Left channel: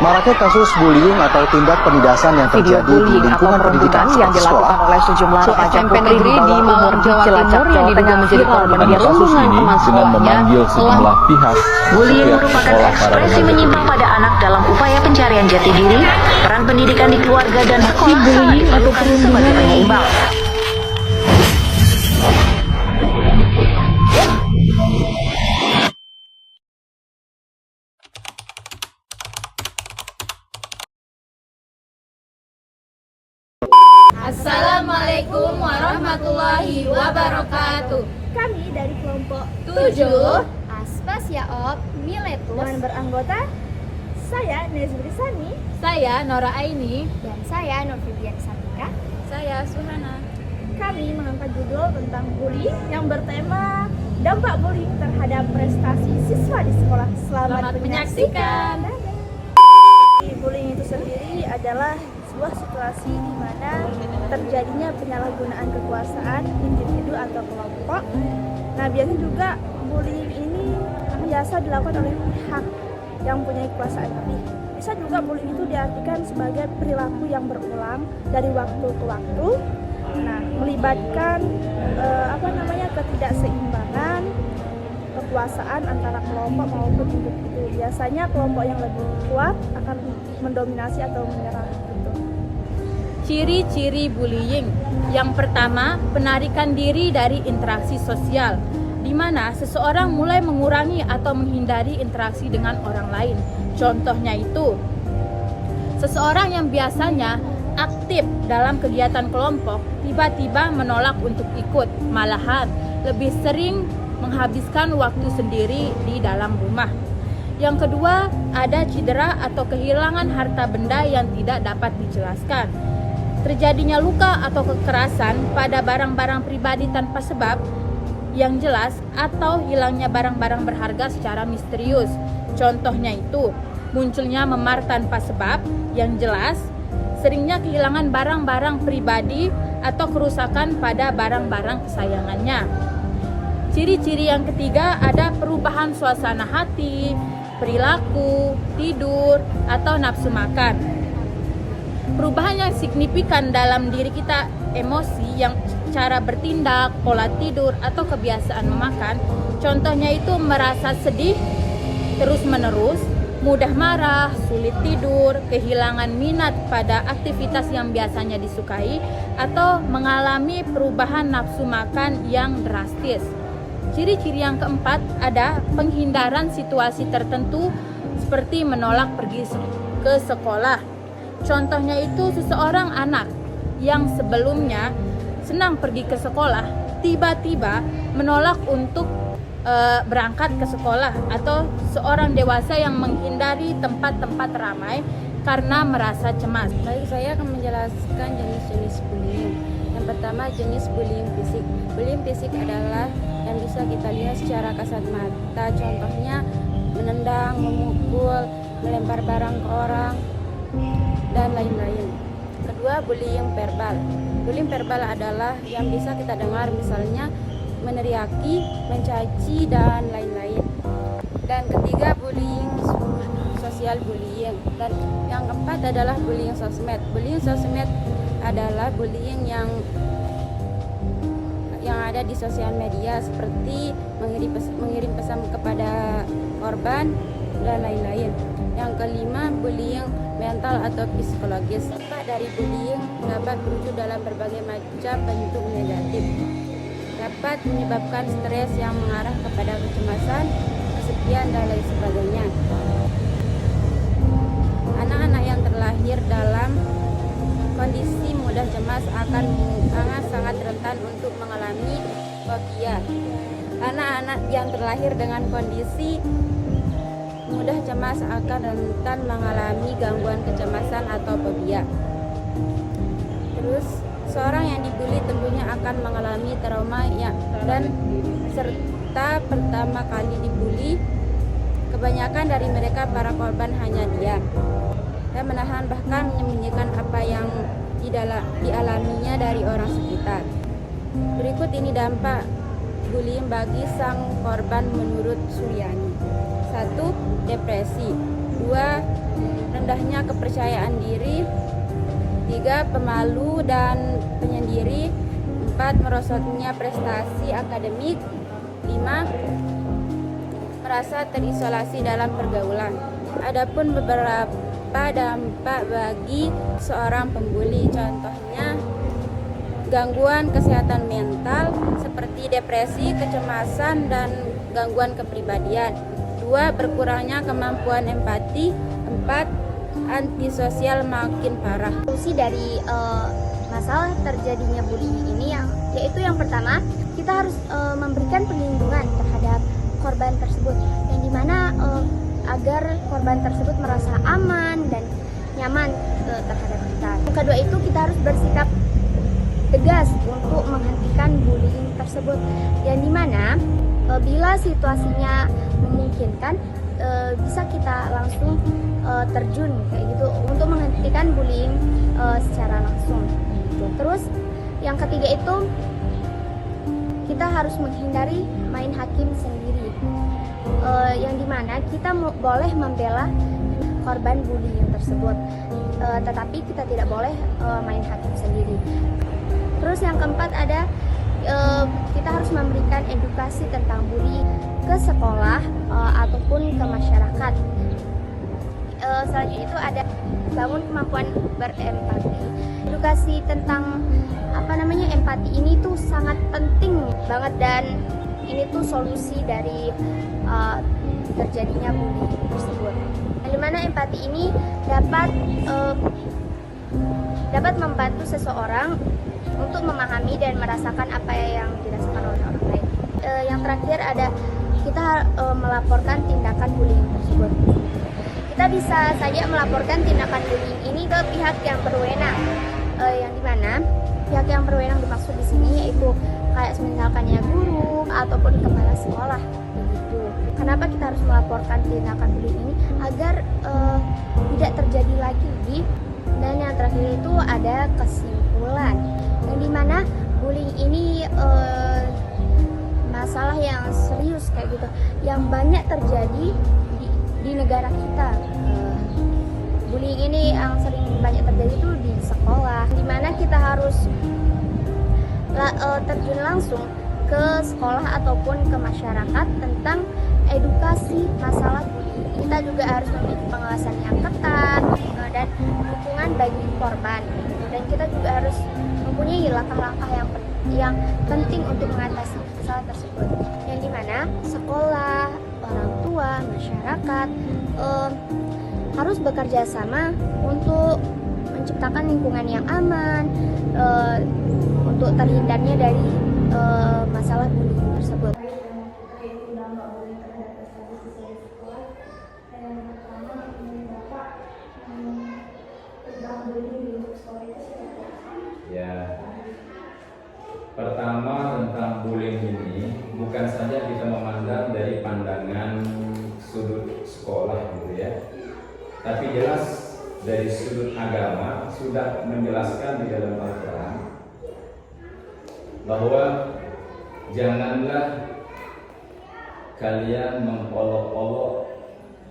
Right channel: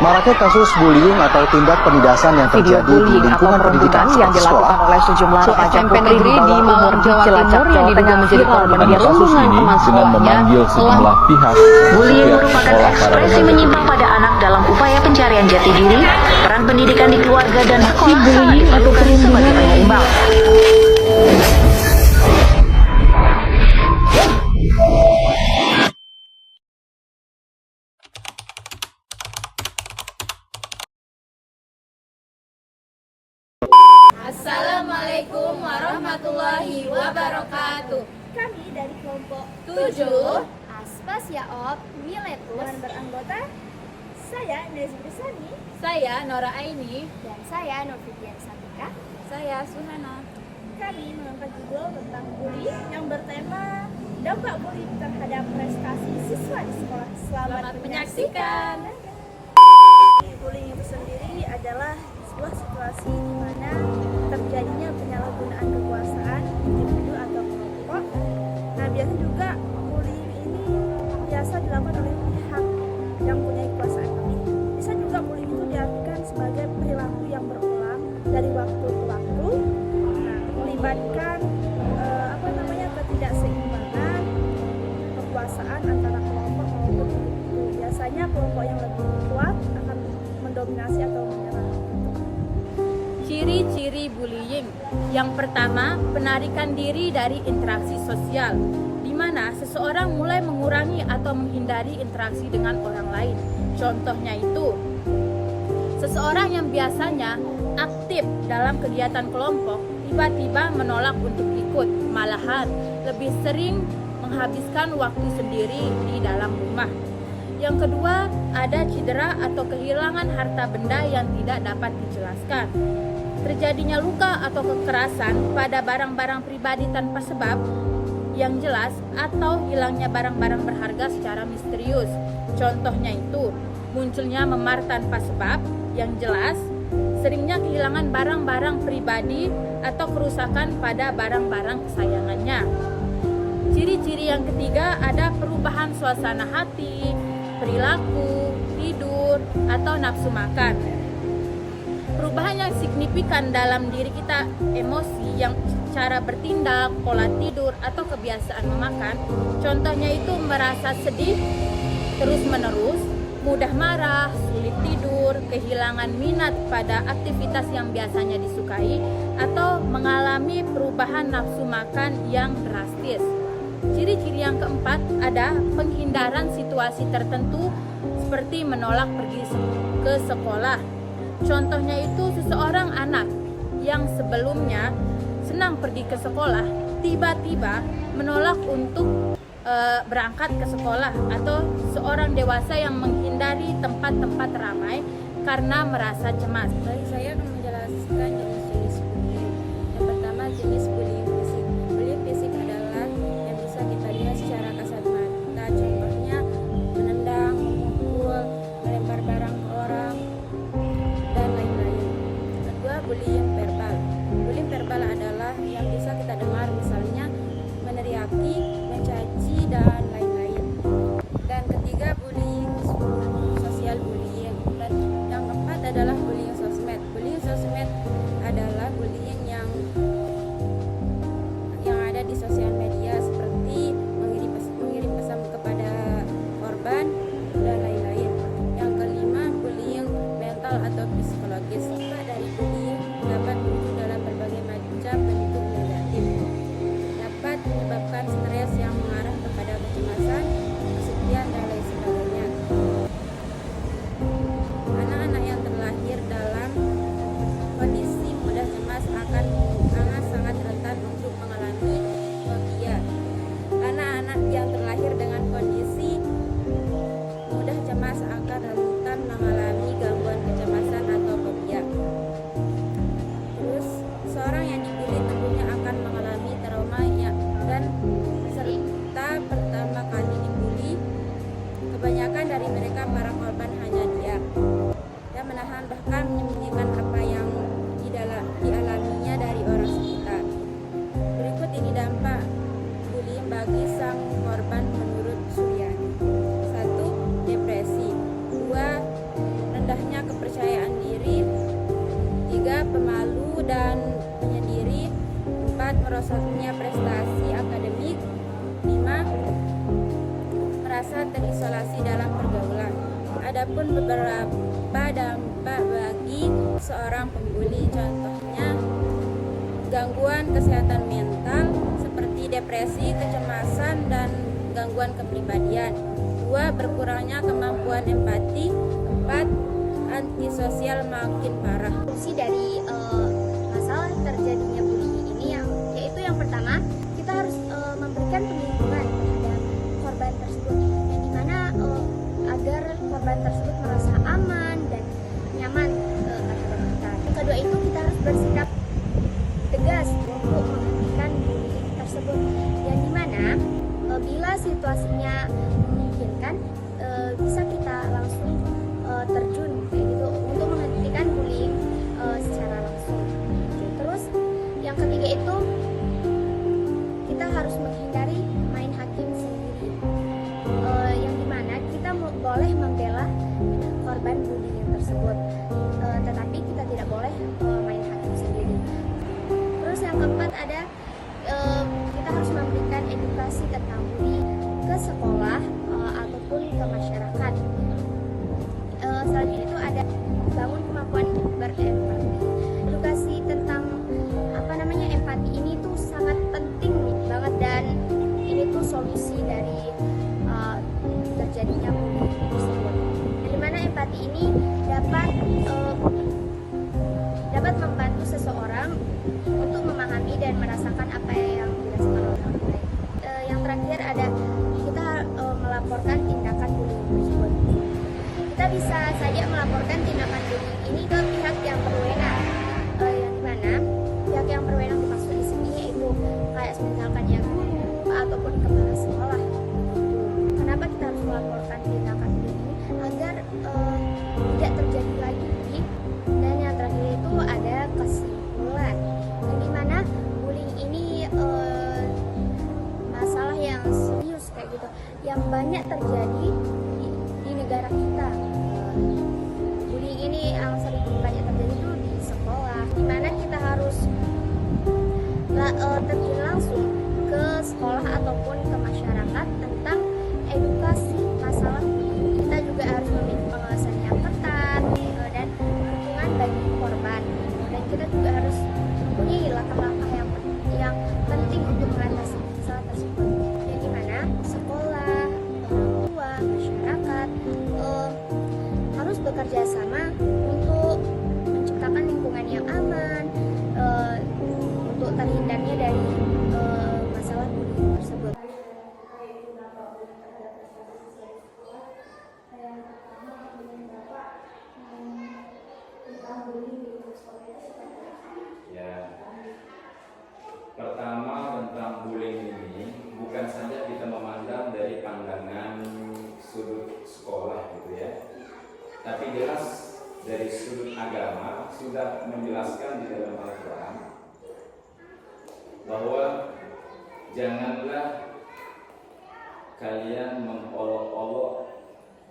Maraknya kasus bullying atau tindak penindasan yang terjadi di lingkungan pendidikan yang dilakukan oleh sejumlah remaja SMP negeri di Malang, Jawa Timur yang diduga menjadi korban perundungan teman sekolahnya sejumlah pihak. Bullying merupakan ekspresi menyimpang pada anak dalam upaya pencarian jati diri, peran pendidikan di keluarga dan sekolah sangat diperlukan sebagai penyeimbang. Assalamualaikum warahmatullahi wabarakatuh. Kami dari kelompok 7 Aspas Yaob Miletus dan beranggota saya Nezri Sani, saya Nora Aini, dan saya Nur Fibian Satika. saya Suhana. Kami mengangkat judul tentang bullying yang bertema dampak bullying terhadap prestasi siswa di sekolah. Selamat menyaksikan. Bullying itu sendiri adalah sebuah situasi di mana terjadinya penyalahgunaan kekuasaan individu atau kelompok. Nah, biasanya juga bullying ini biasa dilakukan oleh pihak yang punya kekuasaan, tapi bisa juga bullying itu diartikan sebagai perilaku yang berulang dari waktu ke waktu. Nah, melibatkan ketidakseimbangan kekuasaan antara kelompok maupun individu. Biasanya kelompok yang lebih kuat akan mendominasi atau menyerah gitu. Ciri-ciri bullying. Yang pertama, penarikan diri dari interaksi sosial, di mana seseorang mulai mengurangi atau menghindari interaksi dengan orang lain. Contohnya itu, seseorang yang biasanya aktif dalam kegiatan kelompok tiba-tiba menolak untuk ikut, malahan lebih sering menghabiskan waktu sendiri di dalam rumah. Yang kedua, ada cedera atau kehilangan harta benda yang tidak dapat dijelaskan. Terjadinya luka atau kekerasan pada barang-barang pribadi tanpa sebab yang jelas atau hilangnya barang-barang berharga secara misterius. Contohnya itu, munculnya memar tanpa sebab yang jelas, seringnya kehilangan barang-barang pribadi atau kerusakan pada barang-barang kesayangannya. Ciri-ciri yang ketiga ada perubahan suasana hati, perilaku, tidur, atau nafsu makan. Perubahan yang signifikan dalam diri kita, emosi, yang cara bertindak, pola tidur, atau kebiasaan memakan. Contohnya itu merasa sedih terus-menerus, mudah marah, sulit tidur, kehilangan minat pada aktivitas yang biasanya disukai, atau mengalami perubahan nafsu makan yang drastis. Ciri-ciri yang keempat ada penghindaran situasi tertentu seperti menolak pergi ke sekolah. Contohnya itu seseorang anak yang sebelumnya senang pergi ke sekolah tiba-tiba menolak untuk berangkat ke sekolah, atau seorang dewasa yang menghindari tempat-tempat ramai karena merasa cemas. Baik, saya akan menjelaskan jenis-jenis bullying. Yang pertama, jenis bullying fisik. Bullying fisik adalah yang bisa kita lihat secara kasat mata. Contohnya menendang, memukul, melempar barang ke orang, dan lain-lain. Kedua, bullying verbal. Bullying verbal adalah yang bisa kita dengar, misalnya meneriaki, mencaci, dan lain-lain. Dan ketiga, bullying sosial bullying. Dan yang keempat adalah bullying sosmed. Bullying sosmed adalah bullying yang ada di sosial media, seperti mengirim pesan kepada korban dan lain-lain. Yang kelima, bullying mental atau psikologis. Dampak dari bullying dapat berwujud dalam berbagai macam bentuk negatif. Dapat menyebabkan stres yang mengarah kepada kecemasan, kesepian, dan lain sebagainya. Anak-anak yang terlahir dalam kondisi mudah cemas akan sangat rentan untuk mengalami fobia. Anak-anak yang terlahir dengan kondisi mudah cemas akan rentan mengalami gangguan kecemasan atau fobia. Terus, seorang yang dibully tentunya akan mengalami trauma dan serta pertama kali dibully, kebanyakan dari mereka para korban hanya diam dan menahan, bahkan menyembunyikan apa yang dialaminya dari orang sekitar. Berikut ini dampak bullying bagi sang korban menurut Suryani. 1. Depresi. 2. rendahnya kepercayaan diri. 3. Pemalu dan penyendiri. 4. Merosotnya prestasi akademik. 5. Merasa terisolasi dalam pergaulan. Adapun beberapa dampak bagi seorang pembuli, contohnya gangguan kesehatan mental seperti depresi, kecemasan, dan gangguan kepribadian. 2. Berkurangnya kemampuan empati. 4. Antisosial makin parah. Fungsi dari masalah terjadinya bullying ini yaitu yang pertama, kita harus memberikan perlindungan terhadap korban tersebut, yang dimana agar korban tersebut merasa aman dan nyaman terhadap kita. Yang kedua itu kita harus bersikap tegas untuk menghentikan bullying tersebut, yang dimana bila situasinya memungkinkan bisa kita langsung terjun kayak gitu untuk menghentikan bullying secara langsung. Terus yang ketiga itu kita harus menghindari main hakim sendiri, yang dimana kita boleh membela korban bullying tersebut, tetapi kita tidak boleh main hakim sendiri. Terus yang keempat ada kita harus memberikan edukasi tentang bullying ke sekolah ataupun ke masyarakat. Selanjutnya itu ada bangun kemampuan berempati. Edukasi tentang empati ini tuh sangat penting banget, dan ini tuh solusi dari terjadinya bullying tersebut. Yang dimana empati ini dapat membantu seseorang untuk memahami dan merasakan apa yang dirasakan oleh orang lain. Yang terakhir ada kita melaporkan tindakan bullying tersebut. Kita bisa saja melaporkan tindakan bullying ini ke pihak yang berwenang, yang dimana pihak yang berwenang dimaksud di sini yaitu kayak misalkan ya guru ataupun kepala sekolah. Kenapa kita harus melaporkan tindakan bullying ini? Agar tidak terjadi lagi. Dan yang terakhir itu ada kesimpulan, yang dimana bullying ini masalah yang serius kayak gitu, yang banyak terjadi di negara kita. Bullying ini yang sering banyak terjadi itu di sekolah, dimana kita harus terjun langsung ke sekolah ataupun ke masyarakat tentang edukasi masalah bullying. Kita juga harus memiliki pengawasan yang ketat dan dukungan bagi korban. Dan kita juga harus mempunyai langkah-langkah yang penting untuk mengatasi masalah tersebut. Yang dimana sekolah, orang tua, masyarakat harus bekerja sama untuk menciptakan lingkungan yang aman untuk terhindarnya dari masalah bullying tersebut. Ya, pertama tentang bullying ini bukan saja kita memandang dari pandangan sudut sekolah gitu ya, tapi jelas dari sudut agama sudah menjelaskan di dalam Al-Quran bahwa janganlah kalian mengolok-olok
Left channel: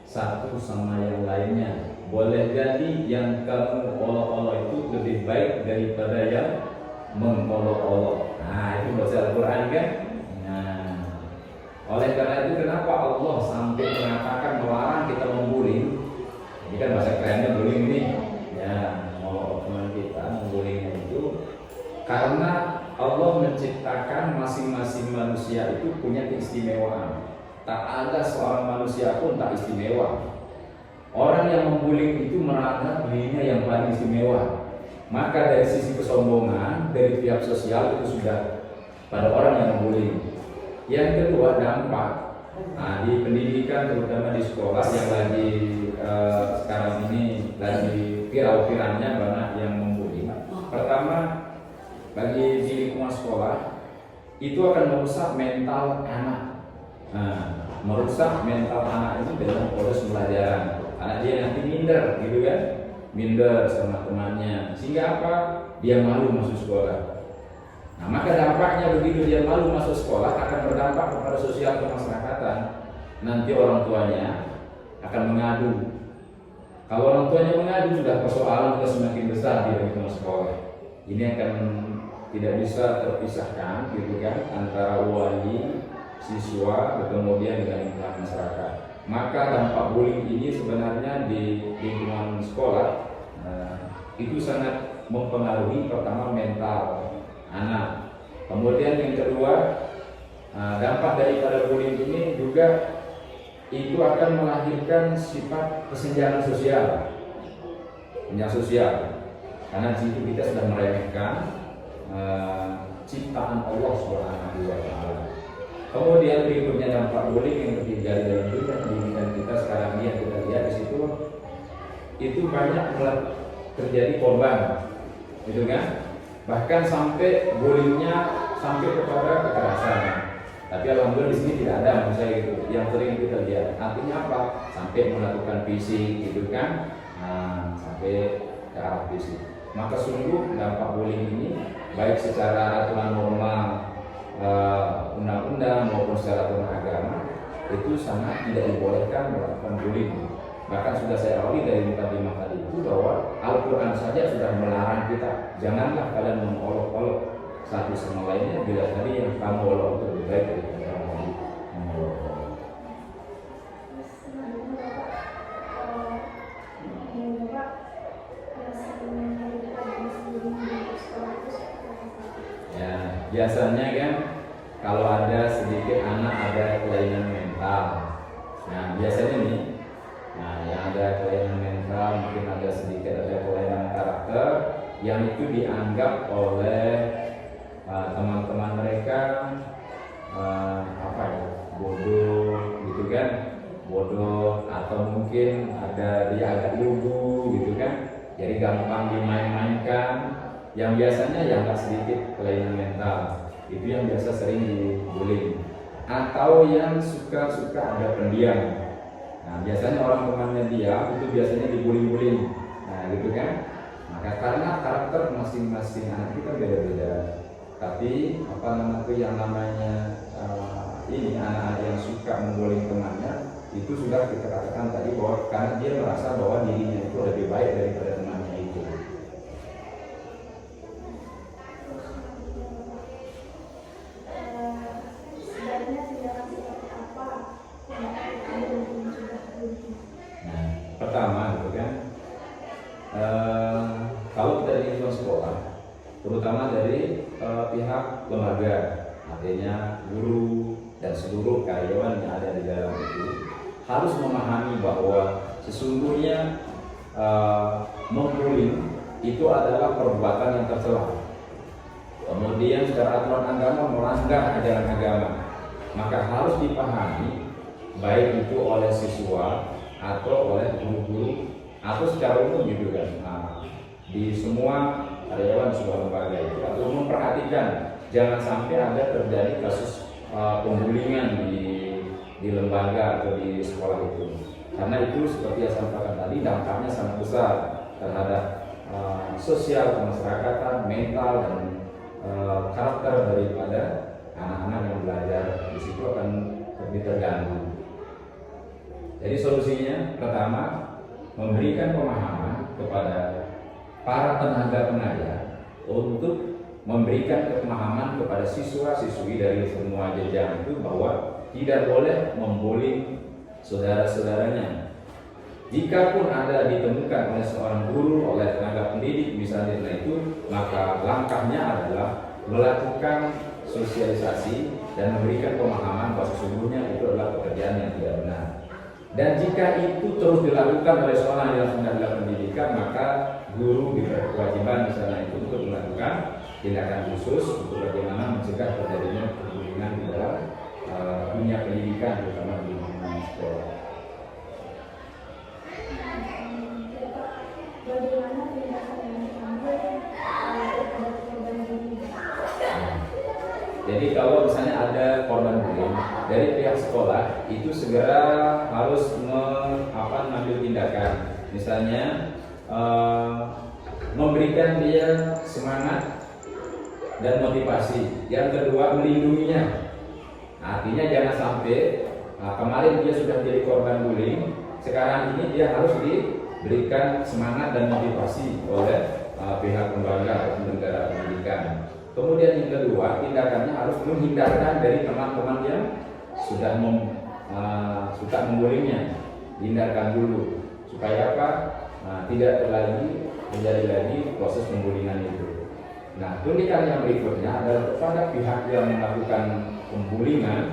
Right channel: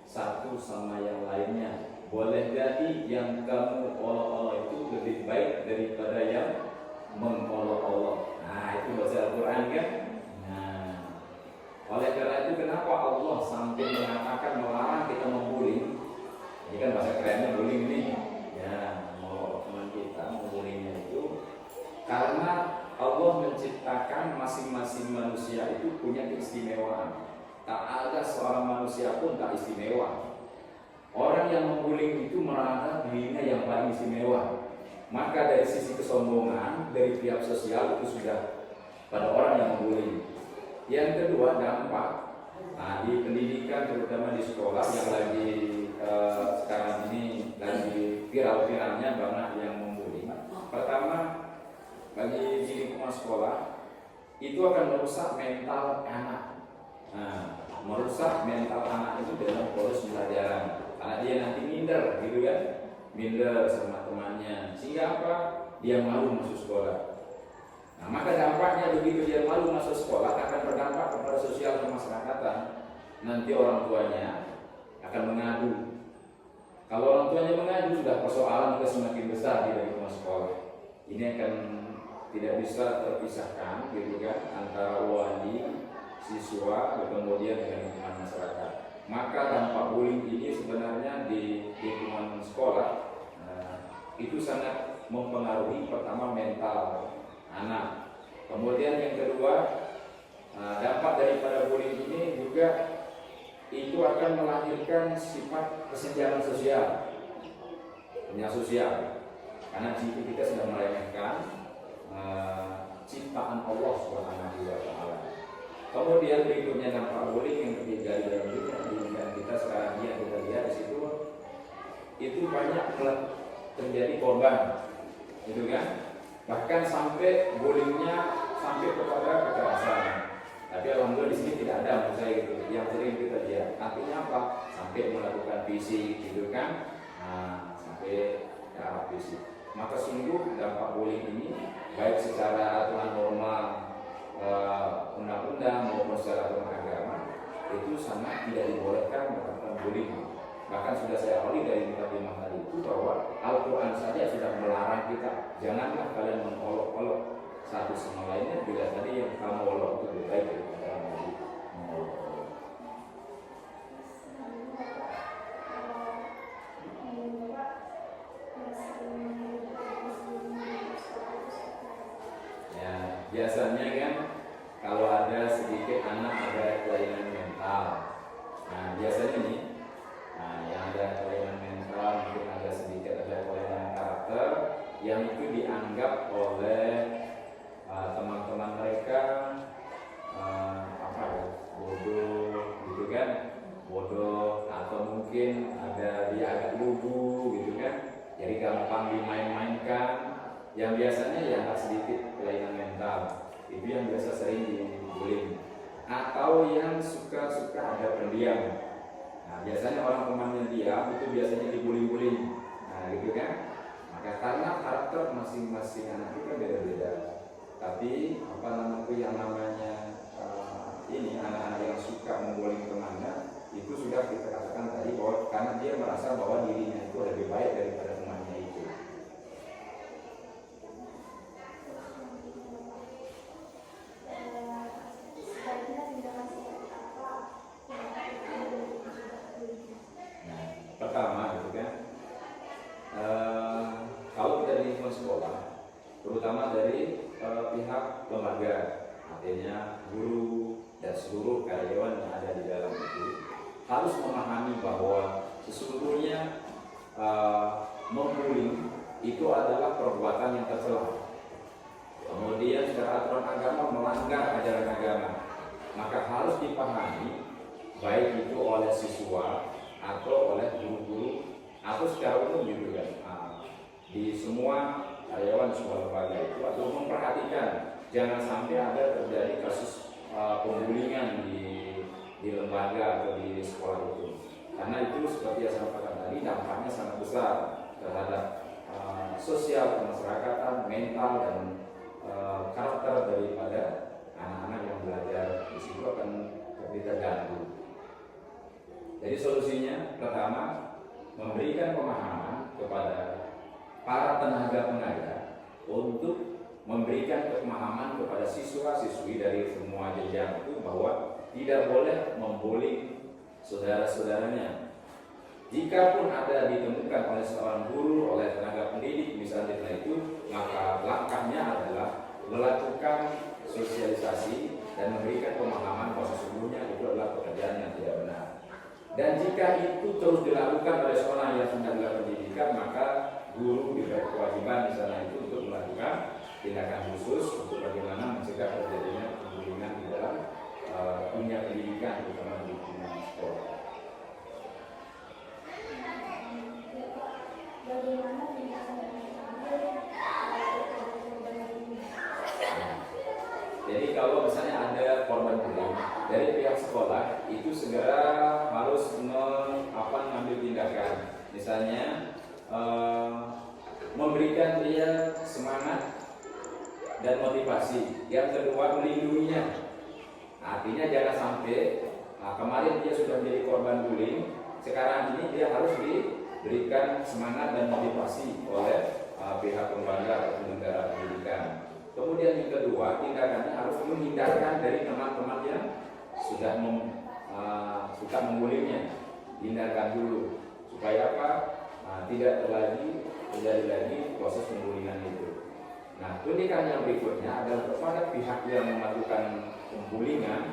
satu sama yang lainnya. Boleh jadi yang kamu olok-olok itu lebih baik daripada yang mengolok-olok. Nah, itu bahasa Al-Quran kan? Nah, oleh karena itu kenapa Allah sampai mengatakan melarang kita membuli? Ini kan bahasa kerennya bullying ini. Ya, ngolok teman kita, membullying itu karena Allah menciptakan masing-masing manusia itu punya keistimewaan. Tak ada seorang manusia pun tak istimewa. Orang yang membuli itu merasa dirinya yang paling istimewa. Maka dari sisi kesombongan dari pihak sosial itu sudah pada orang yang membuli. Yang kedua, dampak. Nah, di pendidikan terutama di sekolah yang lagi sekarang ini lagi viral-viralnya banyak yang membuli. Pertama, bagi di lingkungan sekolah itu akan merusak mental anak. Nah, merusak mental anak itu dengan proses pembelajaran. Anak dia nanti minder, gitu kan? Minder sama temannya. Sehingga apa? Dia malu masuk sekolah. Nah, maka dampaknya begitu dia malu masuk sekolah akan berdampak kepada sosial kemasyarakatan. Nanti orang tuanya akan mengadu. Kalau orang tuanya menengah itu sudah persoalan yang semakin besar di lingkungan sekolah. Ini akan tidak bisa terpisahkan gitu kan antara wali, siswa, kemudian dengan lingkungan masyarakat. Maka dampak bullying ini sebenarnya di lingkungan sekolah itu sangat mempengaruhi pertama mental anak. Kemudian yang kedua, dampak daripada bullying ini juga itu akan melahirkan sifat kesenjangan sosial, karena jika kita sudah meremehkan ciptaan Allah Subhanahu wa Ta'ala. Kemudian berikutnya dampak bullying yang terjadi dalam dunia pendidikan kita sekarang ini yang kita lihat di situ itu banyak terjadi korban, gitu kan? Bahkan sampai bullyingnya sampai kepada kekerasan. Tapi alhamdulillah di sini tidak ada, maksud saya gitu. Yang sering kita lihat, artinya apa? Sampai melakukan fisik, gitu kan? Sampai ke arah fisik. Maka sungguh dampak bullying ini baik secara aturan normal undang-undang maupun secara aturan agama itu sangat tidak dibolehkan melakukan bullying. Bahkan sudah saya awali dari mukadimah tadi itu bahwa Al-Quran saja sudah melarang kita, janganlah kalian mengolok-olok satu sama lainnya bila tadi yang kamu olok itu lebih baik daripada yang tadi mengolok-olok. Ya, biasanya kan kalau ada sedikit anak ada kelainan mental. Nah, biasanya nih, yang ada kelainan mental, mungkin ada sedikit ada kelainan karakter yang itu dianggap oleh teman-teman mereka bodoh, gitu kan? Bodoh atau mungkin ada dia agak lugu, gitu kan? Jadi gampang dimain-mainkan. Yang biasanya yang agak sedikit kelainan mental itu yang biasa sering dibully, atau yang suka ada pendiam. Nah, biasanya orang temannya dia itu biasanya dibully-bully. Nah, gitu kan? Maka karena karakter masing-masing anak itu kan beda-beda. Tapi yang namanya ini anak-anak yang suka membully temannya itu sudah kita katakan tadi bahwa karena dia merasa bahwa dirinya itu lebih baik daripada temannya itu. Pertama gitu kan, kalau kita di lingkungan sekolah, terutama dari pihak lembaga, artinya guru dan seluruh karyawan yang ada di dalam itu harus memahami bahwa sesungguhnya membuli itu adalah perbuatan yang tercela. Kemudian secara aturan agama melanggar ajaran agama, maka harus dipahami baik itu oleh siswa atau oleh guru-guru atau secara umum gitu kan. Di semua karyawan sebuah lembaga itu atau memperhatikan jangan sampai ada terjadi kasus pembulingan di lembaga atau di sekolah itu, karena itu seperti yang saya sampaikan tadi dampaknya sangat besar terhadap sosial kemasyarakatan, mental dan karakter daripada anak-anak yang belajar di situ akan lebih terganggu. Jadi solusinya pertama memberikan pemahaman kepada para tenaga pengajar untuk memberikan pemahaman kepada siswa-siswi dari semua jenjang itu bahwa tidak boleh membuli saudara-saudaranya. Jikapun ada ditemukan oleh seorang guru, oleh tenaga pendidik misalnya itu, maka langkahnya adalah melakukan sosialisasi dan memberikan pemahaman bahwa sesungguhnya itu adalah pekerjaan yang tidak benar. Dan jika itu terus dilakukan oleh seorang yang sedang dalam pendidikan, maka guru diberi kewajiban misalnya itu untuk melakukan tindakan khusus untuk bagaimana mencegah terjadinya perbulian di dalam dunia pendidikan, terutama di lingkungan sekolah. Jadi kalau misalnya ada korban bullying dari pihak sekolah itu segera harus mengambil tindakan, misalnya memberikan dia semangat dan motivasi. Yang kedua melindunginya, artinya jangan sampai kemarin dia sudah menjadi korban bullying sekarang ini dia harus diberikan semangat dan motivasi oleh pihak lembaga atau penyelenggara pendidikan. Kemudian yang kedua, tindakannya harus menghindarkan dari teman-teman yang sudah suka membullyingnya, hindarkan dulu supaya apa? Tidak terjadi lagi proses pembullyingan itu. Nah, tindakan yang berikutnya adalah kepada pihak yang melakukan pembullyingan.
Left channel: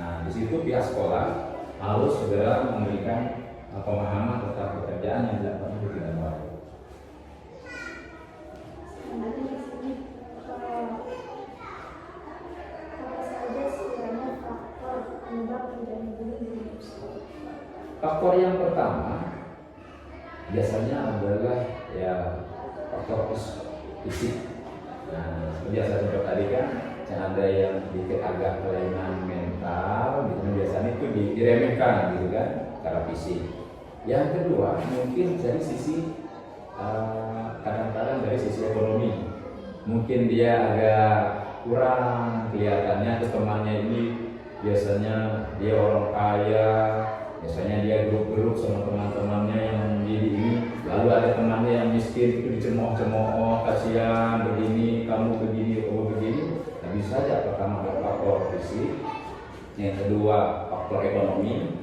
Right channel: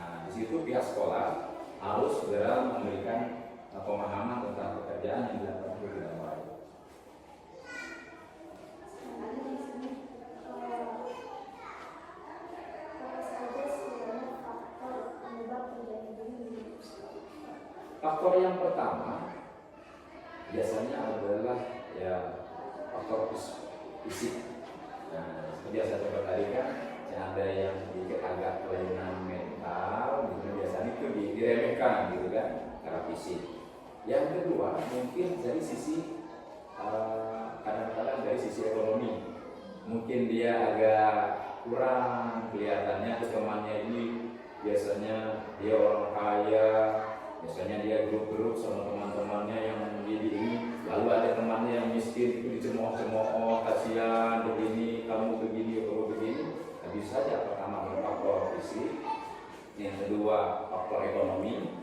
Nah, di situ pihak sekolah harus segera memberikan pemahaman tentang pekerjaan yang dilakukan itu tidak baik. Faktor yang pertama biasanya adalah ya faktor fisik. Nah, biasa seperti tadi kan ada yang sedikit agak kelainan mental, gitu. Biasanya itu diremehkan gitu kan, secara fisik. Yang kedua mungkin dari sisi kadang-kadang dari sisi ekonomi, mungkin dia agak kurang kelihatannya ke temannya ini. Biasanya dia orang kaya, biasanya dia grup-grup sama teman-temannya yang menjadi ini. Lalu ada temannya yang miskin itu dicemooh-cemooh, kasihan begini, kamu begini, kamu begini. Nah, bisa saja pertama faktor fisik, yang kedua faktor ekonomi,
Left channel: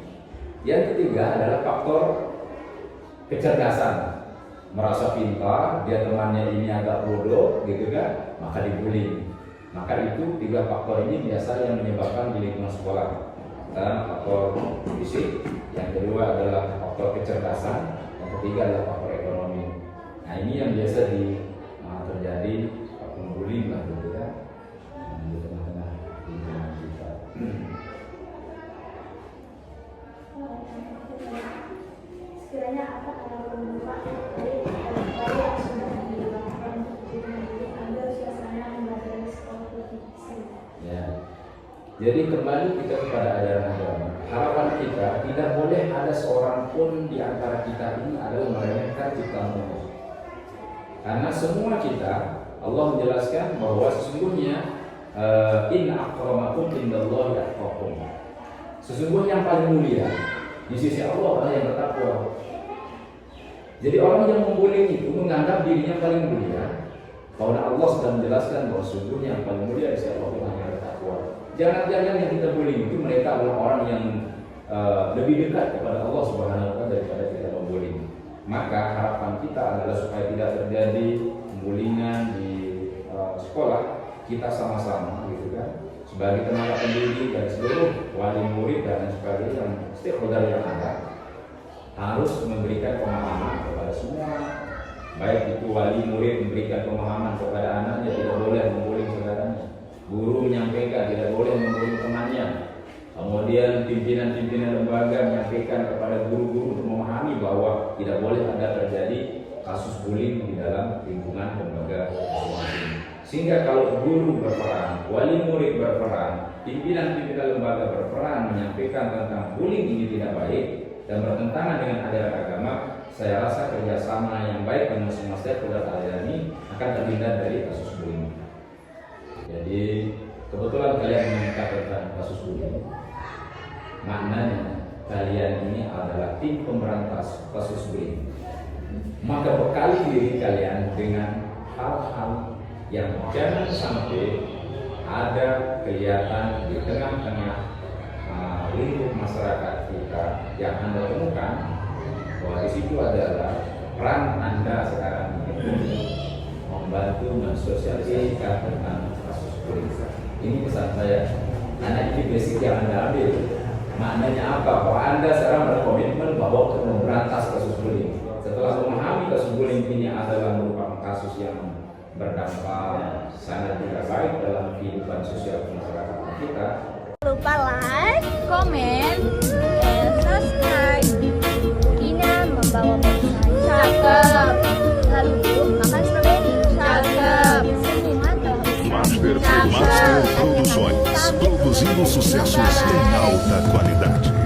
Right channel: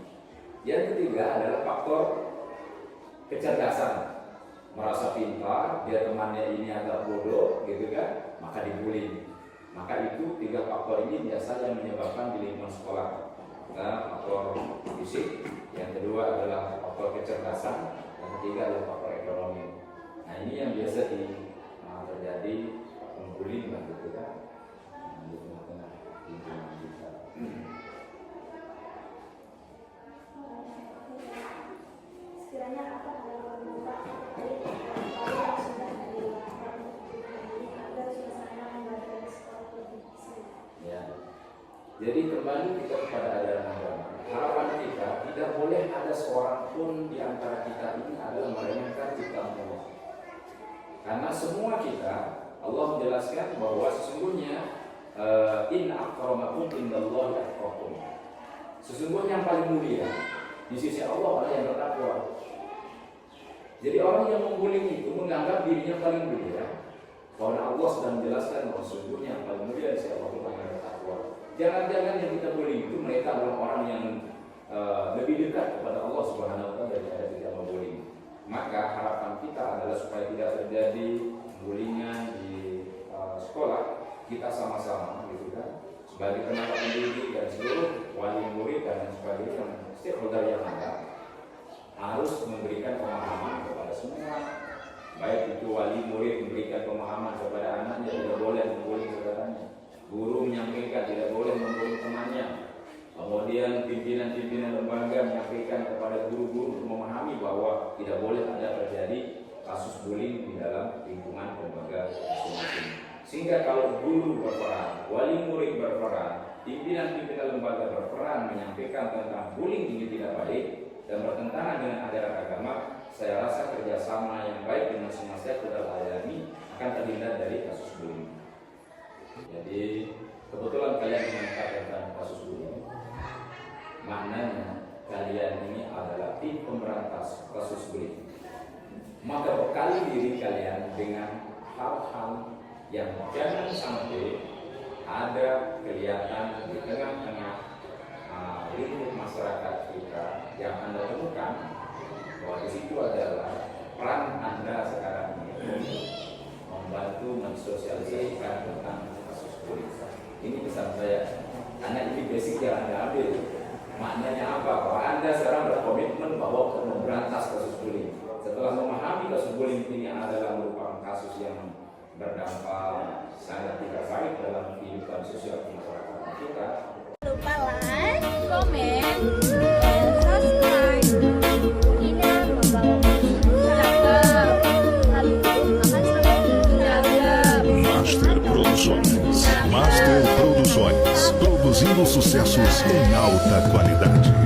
yang ketiga adalah faktor kecerdasan. Merasa pintar, dia temannya ini agak bodoh, gitu kan, maka dibully. Maka itu tiga faktor ini biasa yang menyebabkan di lingkungan sekolah. Faktor fisik, yang kedua adalah faktor kecerdasan, yang ketiga adalah faktor ekonomi. Nah, ini yang biasa terjadi pembullying lah, gitu kan, di tengah-tengah lingkungan kita. Sekiranya apa kalau Pak dari upaya yang sudah dilakukan untuk diri agar suasana lembaga dan sekolah lebih seru? Ya. Jadi kembali kita kepada ajaran agama. Harapan kita tidak boleh ada seorang pun di antara kita ini adalah meremehkan ciptaan Allah. Karena semua kita, Allah menjelaskan bahwa sesungguhnya inna akramakum indallahi atqakum. Sesungguhnya yang paling mulia di sisi Allah orang yang bertakwa. Jadi orang yang membuli itu menganggap dirinya paling mulia. Karena Allah sudah menjelaskan bahwa sesungguhnya yang paling mulia di sisi Allah orang yang bertakwa. Jangan-jangan yang kita bully itu mereka adalah orang yang lebih dekat kepada Allah Subhanahu wa taala daripada kita membuli. Maka harapan kita adalah supaya tidak terjadi pembullyingan di sekolah, kita sama-sama gitu kan, sebagai tenaga pendidik dan seluruh wali murid dan sebagainya yang stakeholder yang ada harus memberikan pemahaman kepada semua. Baik itu wali murid memberikan pemahaman kepada anaknya, tidak boleh membuli saudaranya. Guru menyampaikan tidak boleh membuli temannya. Kemudian pimpinan-pimpinan lembaga menyampaikan kepada guru-guru untuk memahami bahwa tidak boleh ada terjadi kasus bullying di dalam lingkungan lembaga sekolah ini. Sehingga kalau guru berperan, wali murid berperan, pimpinan-pimpinan lembaga berperan menyampaikan tentang bullying ini tidak baik dan bertentangan dengan ajaran agama, saya rasa kerjasama yang baik dengan semua stakeholder area ini akan terhindar dari kasus bullying. Jadi kebetulan kalian mengangkat tentang kasus bullying, maknanya kalian ini adalah tim pemberantas kasus bullying. Maka bekali diri kalian dengan hal-hal yang jangan sampai ada kelihatan di tengah-tengah lingkup masyarakat kita yang Anda temukan bahwa di situ adalah peran Anda sekarang ini membantu mensosialisasikan tentang kasus bullying. Ini pesan saya, anak ini basic yang Anda ambil. Maknanya apa? Bahwa Anda sekarang berkomitmen bahwa untuk memberantas kasus bullying. Setelah memahami kasus bullying ini adalah merupakan kasus yang berdampak sangat tidak baik dalam kehidupan sosial masyarakat kita. Lupa like, komen, dan subscribe. Ina membawa cakep. Lalu makan strawberry. Cakep. Master Produções, produzindo sucessos em alta qualidade.